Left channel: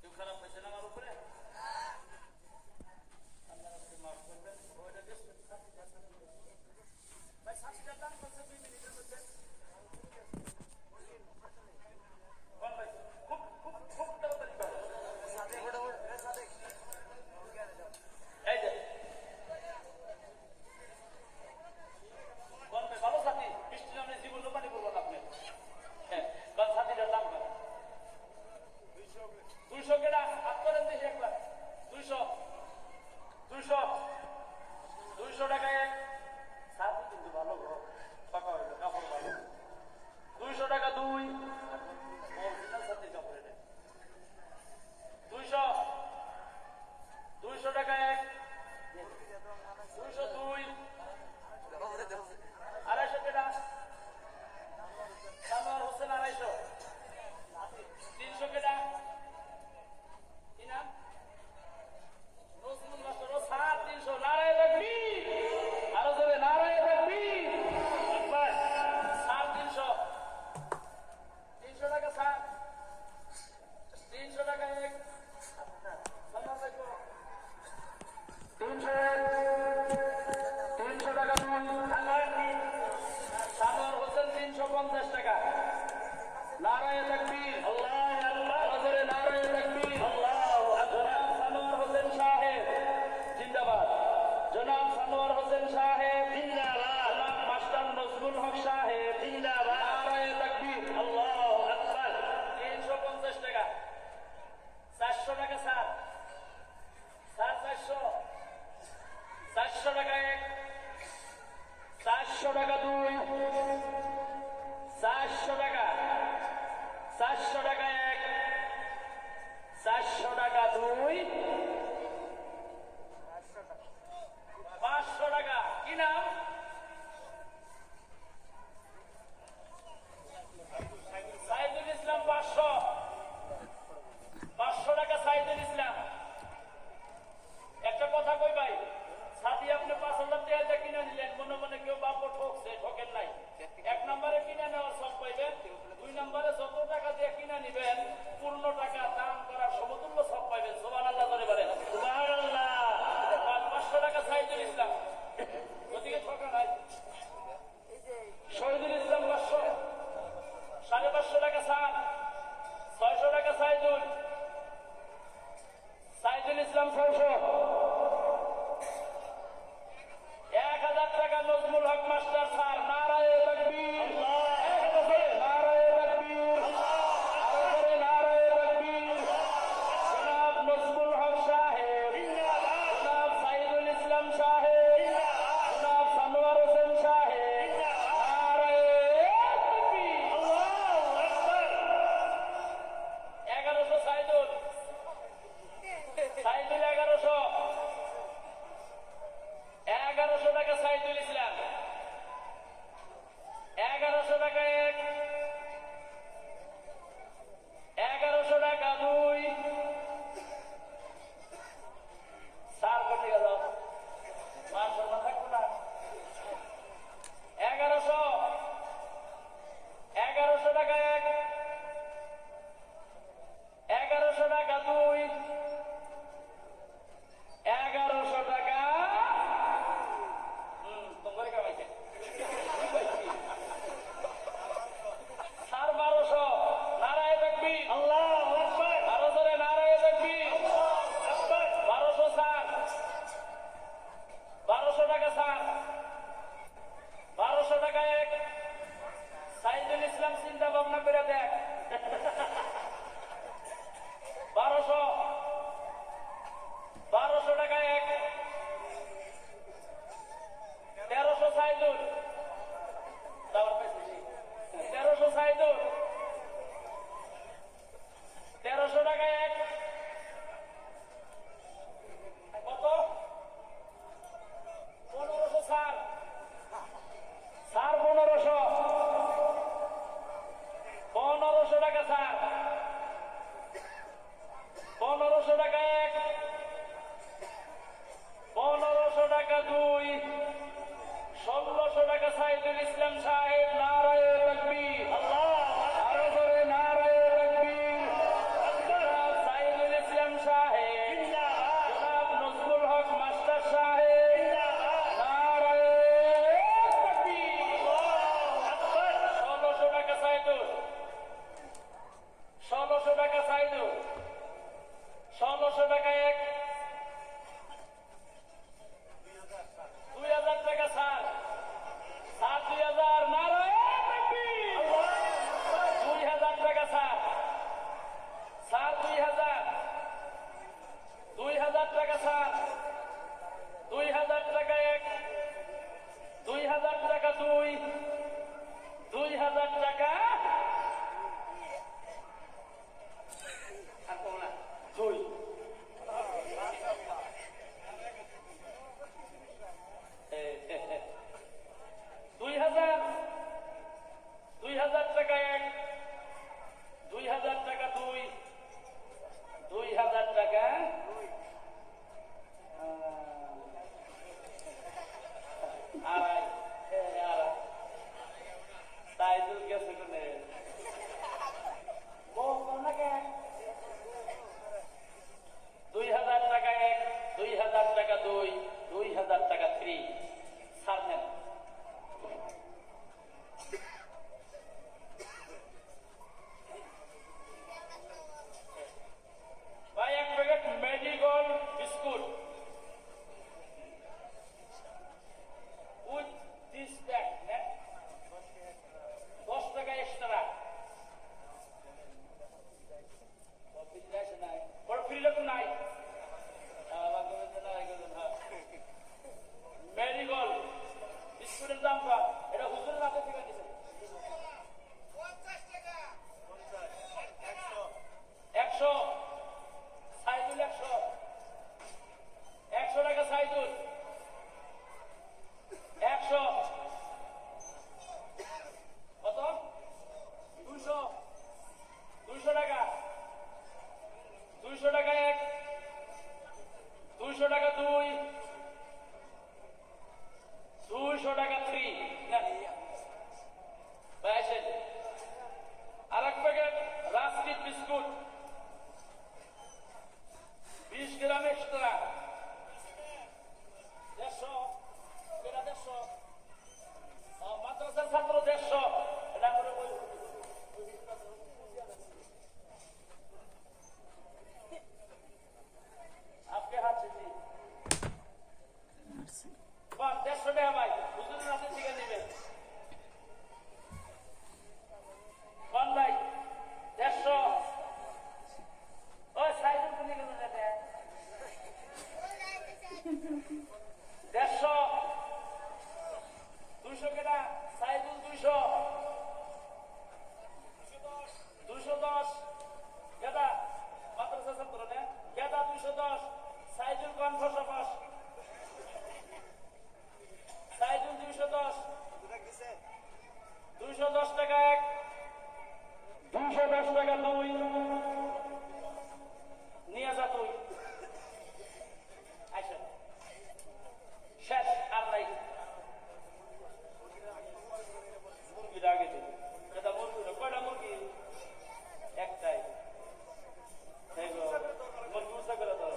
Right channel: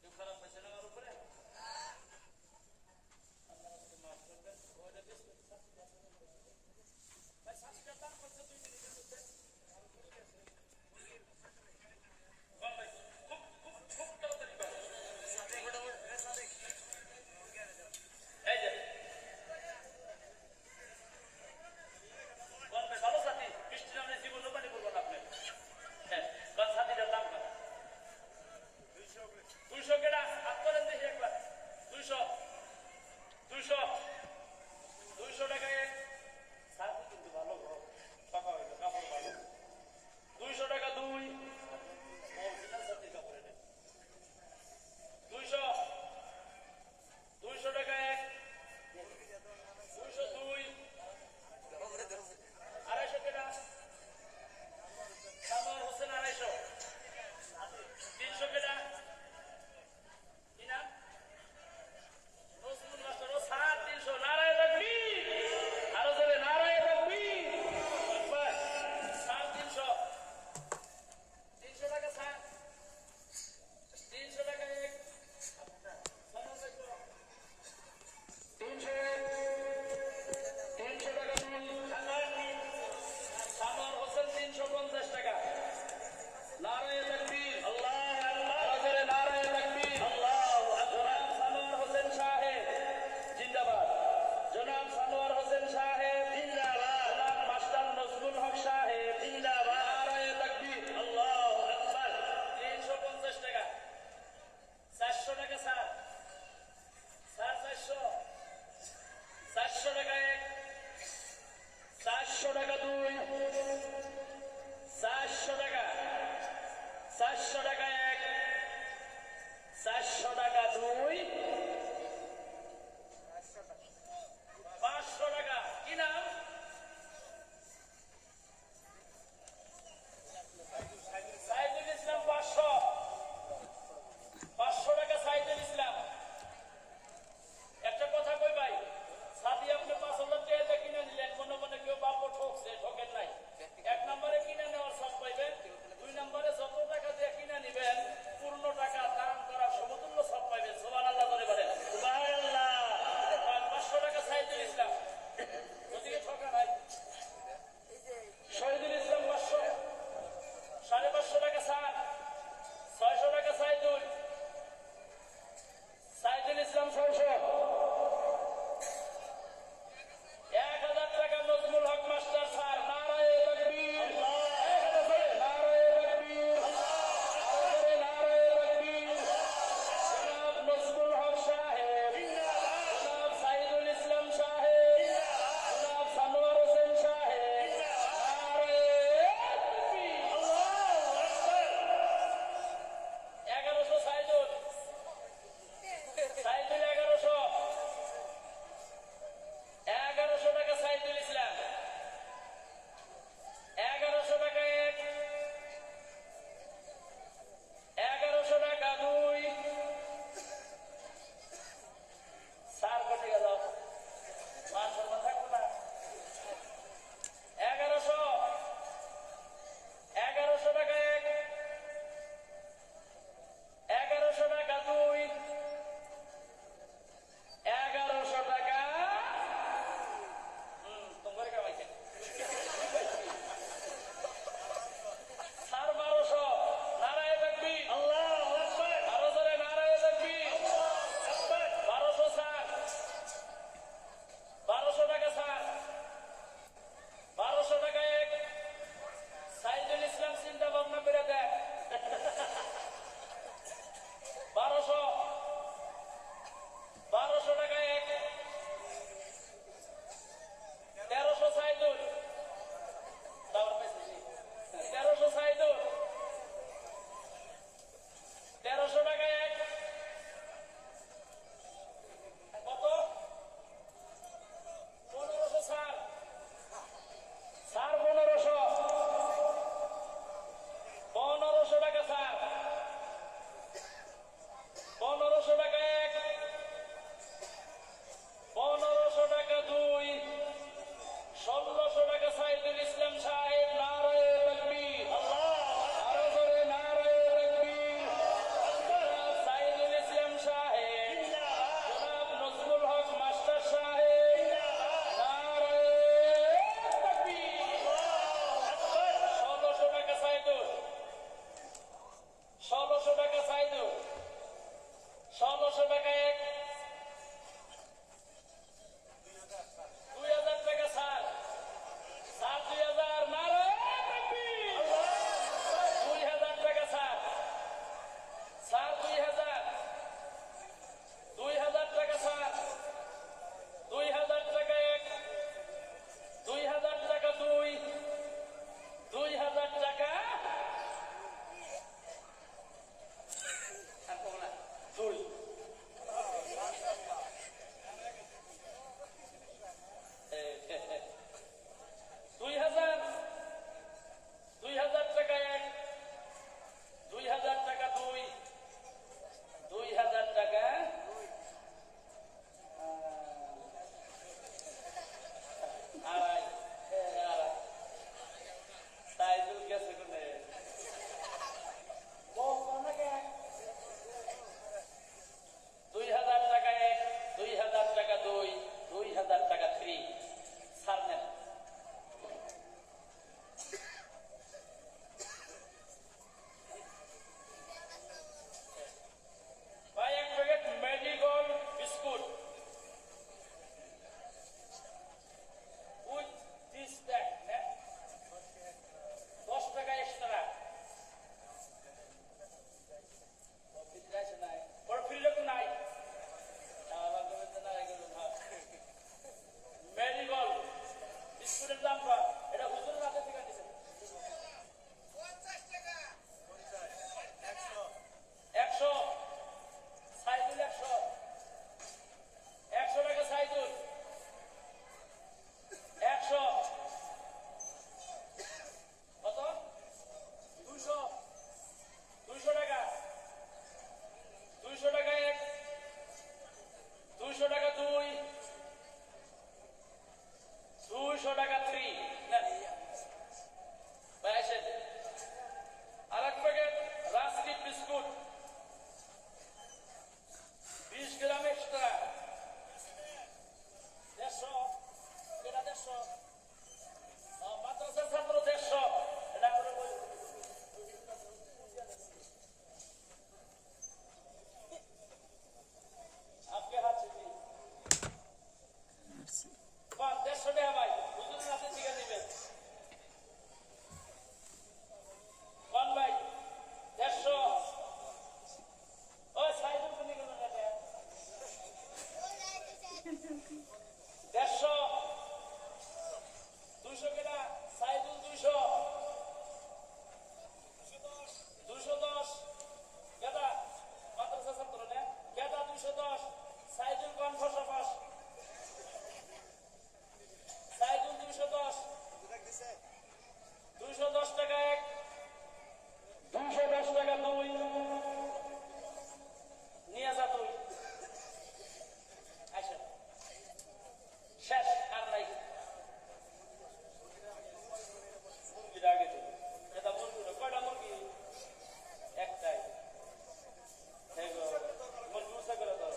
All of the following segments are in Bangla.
কেউ খারাপ পাইছেন আমার উপরে? আল্লাহ মাফ করবেন। ওইটা বেশ ভাই সাথীটার দাম করছে 2 মিনিটের মধ্যে। খুব খুব খুব তাড়াতাড়ি এই যে ভালো সাথী বৃষ্টি নামে জীবন পানি করবো না আপনি। হ্যাঁ সাথীটার দাম কত? 200 কেটা হাত করেন দেখি একবার। 200 টাকা এক সাথী কিন্তু ভালো গো ফাঁকা হইলো কাপড় ভালো। 200 টাকা 2 অরিজিনাল সাথীর কাপড় এটা। 200 টাকা এক 202 250 কেটা সানোয়ার হোসেন 250 300 কেটা কি নাম নজরুল মাস্টার ও 350 নারায় রাখবি আরো জোরে নারায় রাখবি বাস 350 300 টাকা 300 টাকা এক 300 টাকা সানোয়ার হোসেন 350 টাকা নারায় তাকবীর আল্লাহু আকবার জোরে নারায় তাকবীর আল্লাহু আকবার সানোয়ার হোসেন সাহেব জিন্দাবাদ জনাব সানোয়ার হোসেন সাহেব জিন্দাবাদ জনাব মাস্টার নজরুল হক সাহেব জিন্দাবাদ নারায় তাকবীর আল্লাহু আকবার 350 টাকা 400 টাকা স্যার 400 টাকা এক 400 টাকা 2 400 টাকা 400 টাকা এক 400 টাকা 2 500 টাকা কি নাম সাইদুল ইসলাম 500 টাকা সাইদুল ইসলাম। একটা কথা কই ভাই সাথী আপনি 5,000 টাকা কিনে নিলেন মনে মনে কেউ বাপ ঠকছে ঠকেন নাই। 1 নম্বরে কিনে নেওয়ার সব পাইবেন 2 নম্বরে যত টাকা দিয়ে কিনে নিবেন পূর্ণ টাকা দান করার সমতুল্য সব পাইবেন। সুবহানাল্লাহ করে বলেন সুবহানাল্লাহ। 500 টাকা সাইদুল ইসলাম ওদিকে ঠকা নাই। শহীদুল ইসলাম 500 550 টাকা স্যার 600 টাকা সাইদুল ইসলাম 600 1000 টাকা নজরুল হক মাস্টার স্যার নারায়ে তাকবীর নারায়ে তাকবীর নারায়ে তাকবীর জনাব নজরুল হক সাহেব জনাব সাইদুল ইসলাম সাহেব জনাব সানোয়ার হোসেন সাহেব নারায়ে তাকবীর আল্লাহু আকবার 1100 সাইদুল 1100 2 200 টাকা 3 না ভাই আসেন আরেক প্যাকেট রাস্কিট বিস্কুট 20 গ্রাম এক্সট্রা 150 এটা 150 মাদ্রাসার ছাত্র 150 এটা করে आपके हाथ से जी 150 টাকা ভাই হুজুরের হাতে থেকে নেবেন কোন ভাই 150 ও সাইদুল কোনি গেল না 150 200 কেনা সাইদুল 200 210 গেদা মাদ্রাসা ছাত্র না গেদা 210 সাইদুল কোন ফসফস সাইদুল 210 210 টাকা এক 210 টাকা দুই নিয়ে যা তুই আচ্ছা শেষ আর নাই মুরগিটা আগে দিন এটা মুরগি কয়টা মুরগি একটাই মুরগি উঁচা করে দাও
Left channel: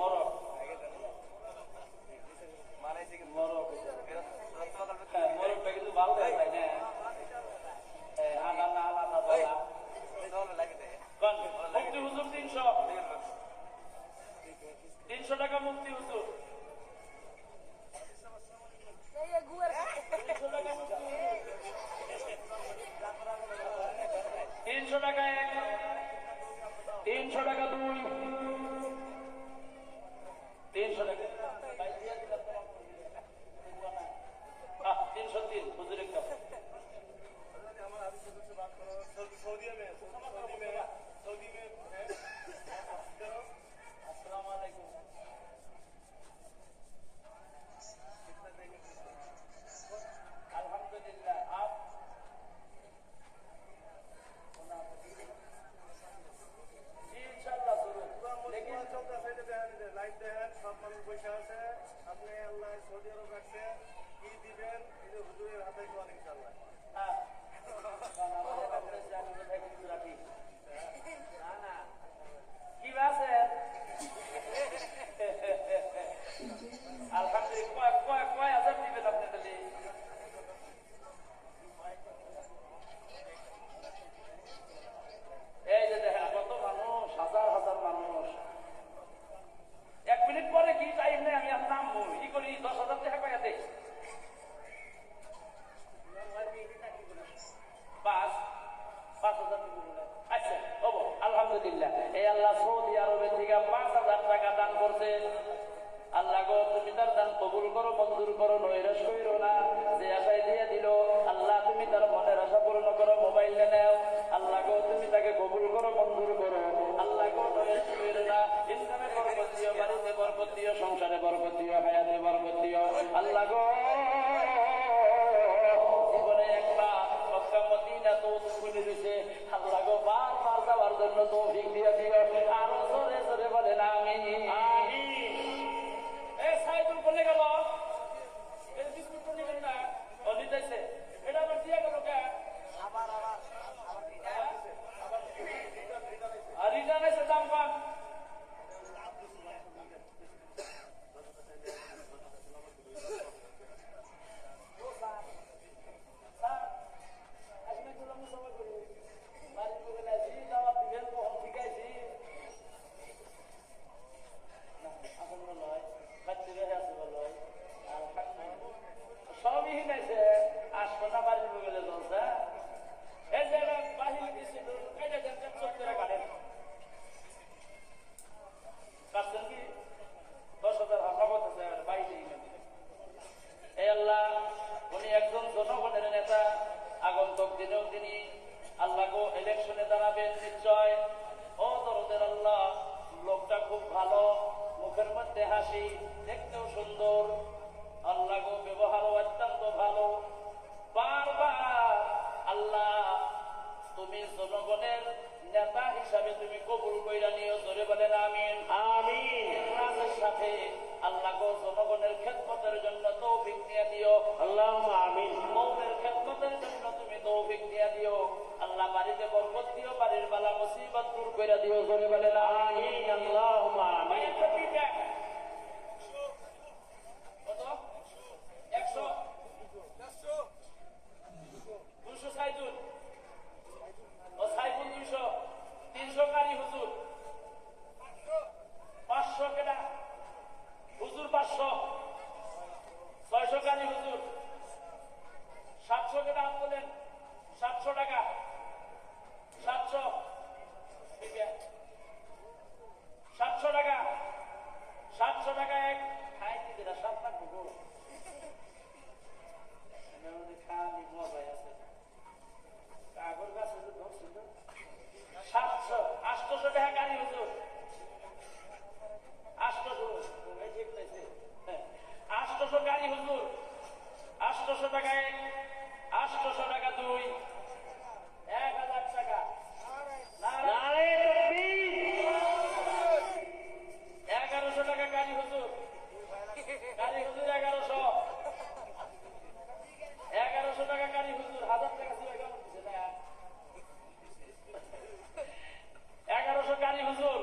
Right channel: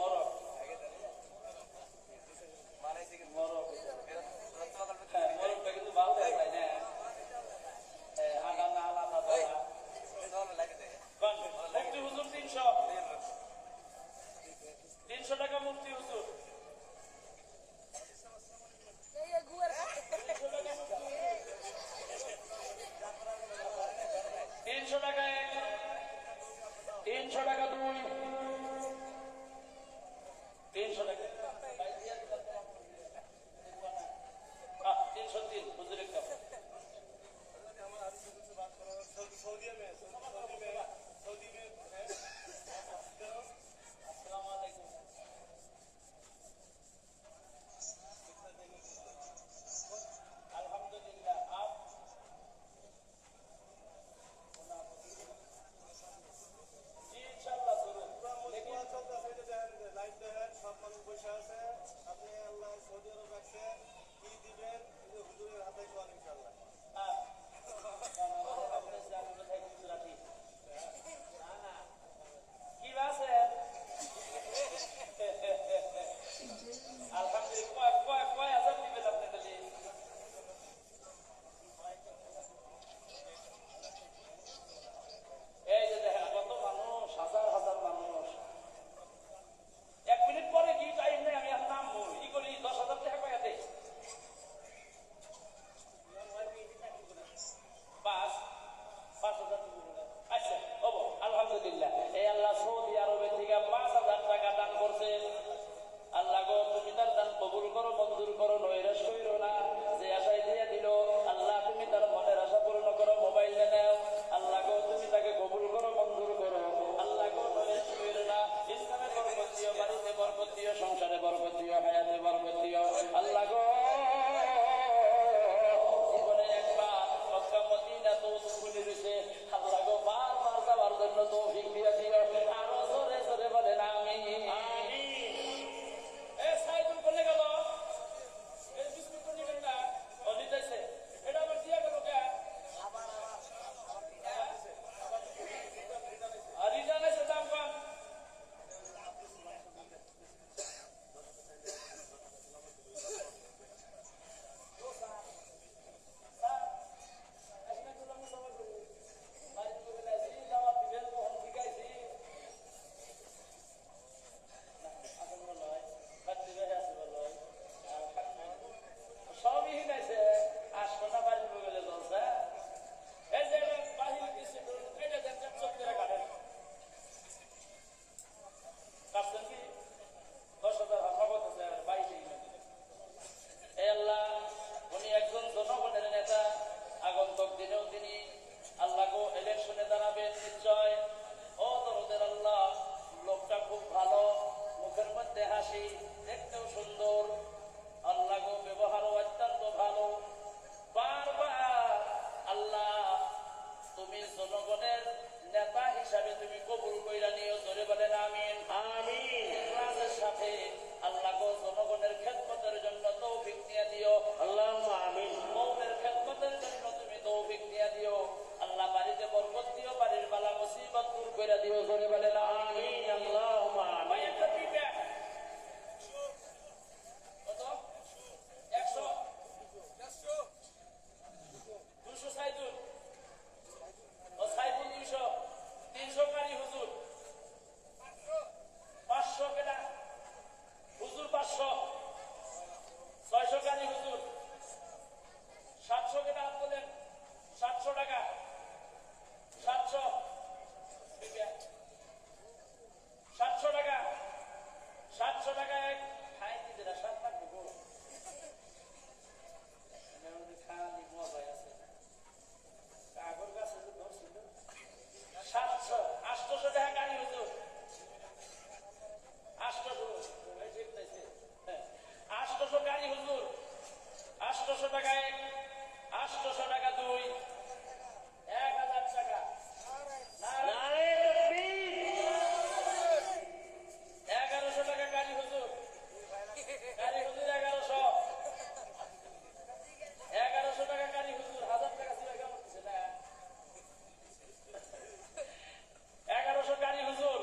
মরক মরকটা কিন্তু ভালো দেয় তাই না মুক্তি হুজুর 300 টাকা মুক্তি হুজুর 300 টাকা এক 300 টাকা দুই 300 টাকা 303 হুজুর একটা सऊदी में अस्सलाम वालेकुम अल्हम्दुलिल्लाह आप जी इंशाल्लाह जरूर लेकिन चलता साइडे দেখেন লাইভ দেখেন সব মানুষ বসে আছে আপনি আল্লাহ সৌদি আরব রাখছে কি দিবেন এই হুজুরের হাতে কোন ইনশাআল্লাহ হ্যাঁ কি আছে আলহামদুলিল্লাহ কয় হাজার দিবেন আপনি তাহলে এই যে দেখেন কত মানুষ হাজার হাজার মানুষ 1 মিনিট পরে কি টাইম নেই আমি আর নাম ই করি 10,000 টাকা কয়া দেই 5,000 আচ্ছা হবো আলহামদুলিল্লাহ এই আল্লাহ সৌদি আরবের থেকে 5,000 টাকা দান করছে আল্লাহ গো তুমি তার দান কবুল করো মঞ্জুর করো নৈরাশ কইরো না যে আশায় দিয়ে দিল আল্লাহ তুমি তার মনের আশা পূর্ণ করো মোবাইল নেও আল্লাহ গো তুমি তাকে কবুল করো মঞ্জুর করো আল্লাহ গো নৈরাশ কইরো না ইনকামে বরকত দিও বাড়িতে বরকত দিও সংসারে বরকত দিও হায়াতে বরকত দিও আল্লাহ গো জীবনে একবার মক্কা মদিনা তো খুলে দিয়েছে আল্লাহ গো বারবার যাওয়ার জন্য তৌফিক দিয়ে দিও আরো জোরে জোরে বলেন আমিন আমিন এ সাইদুল কোনে গেল এই বিস্কুট কোনে গেল না ও দিতেছে এটা আবার দিয়া গেল কে আবার আর রিটার্ন এসে দাম কম সবই হিনেছে আসনা বাড়ির বগলে চলছে এই যে বাহির কিছু এটা দেন চোখ করে কাটেন কাটছেন কি 10,000 হাফা করতেছে বাইরে এই আল্লাহ উনি একজন জনগণের নেতা আগন্তক দিনেও তিনি আল্লাহকে ইলেকশনে দাঁড়াবেন নিশ্চয় ও দরদের আল্লাহ লোকটা খুব ভালো মুখের মধ্যে হাসি দেখতেও সুন্দর আল্লাহ গো ব্যবহারও অত্যন্ত ভালো বারবার আল্লাহ তুমি জনগণের নেতা হিসাবে তুমি কবুল কইরা নিও, জোরে বলেন আমিন। আমিন। ইখলাসের সাথে আল্লাহ গো জনগণের খেদমতের জন্য তৌফিক দিয়ে দিও। আল্লাহুম্মা আমিন। কওমের খেদমতের জন্য তুমি তৌফিক দিয়ে দিও। আল্লাহ বাড়িতে বরকত দিও, বাড়ির বালা মুসিবত দূর কইরা দিও, জোরে বলেন আমিন। আমিন। আল্লাহুম্মা ভাই আমিন। একটা feedback। কত? 100 200 সাইদুল ও সাইফুল 200 300 কারি হুজুর 500 কেডা হুজুর 500 600 কারি হুজুর 700 কেডা হাত তোলেন 700 টাকা 700 ঠিক আছে 700 টাকা 700 টাকা এক খাই দিতে না 7 লাখ গো আমাদের খালি মজাই আছে কাগর গাছে যে ধরছিল 700 800 টাকা গাড়ি হুজুর 800 এই দেখতেছে 800 গাড়ি হুজুর 800 টাকা এক 800 টাকা দুই 1000 টাকা নারে তাকবীর। 1100 টাকা গাড়ি হুজুর 1100 1100 টাকা গাড়ি হুজুর 1000 টাকা ছিল কেমন দিছে না 1100 গাড়ি হুজুর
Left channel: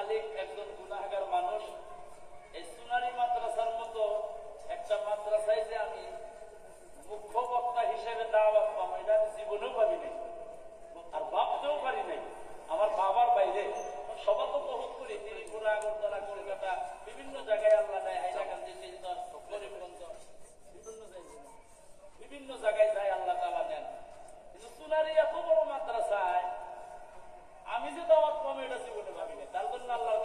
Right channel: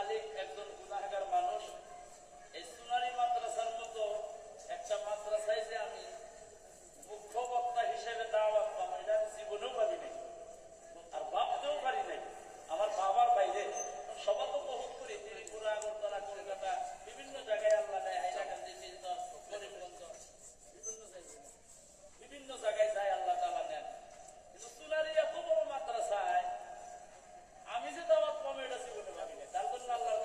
খালি একজন গুনাহগার মানুষ। এই সোনালী মাদ্রাসার মতো একটা মাদ্রাসায় যে আমি মুখ্য বক্তা হিসেবে দাওয়াত পাবো, এটা আমি জীবনেও পারি নাই আর ভাবতেও পারি নাই। আমার বাবার বাইরে সবার তো বহুত করি, ত্রিপুরা, আগরতলা, কলকাতা, বিভিন্ন জায়গায় আল্লাহ নেয়, হাইলাকান্দি, মিরদর, করিমগঞ্জ, বিভিন্ন জায়গায় যায় আল্লাহ তাআলা নেন। কিন্তু সোনালী এত বড় মাদ্রাসায় আমি যে দাওয়াত পাবো এটা জীবনে ভাবি নাই। তার জন্য আল্লাহর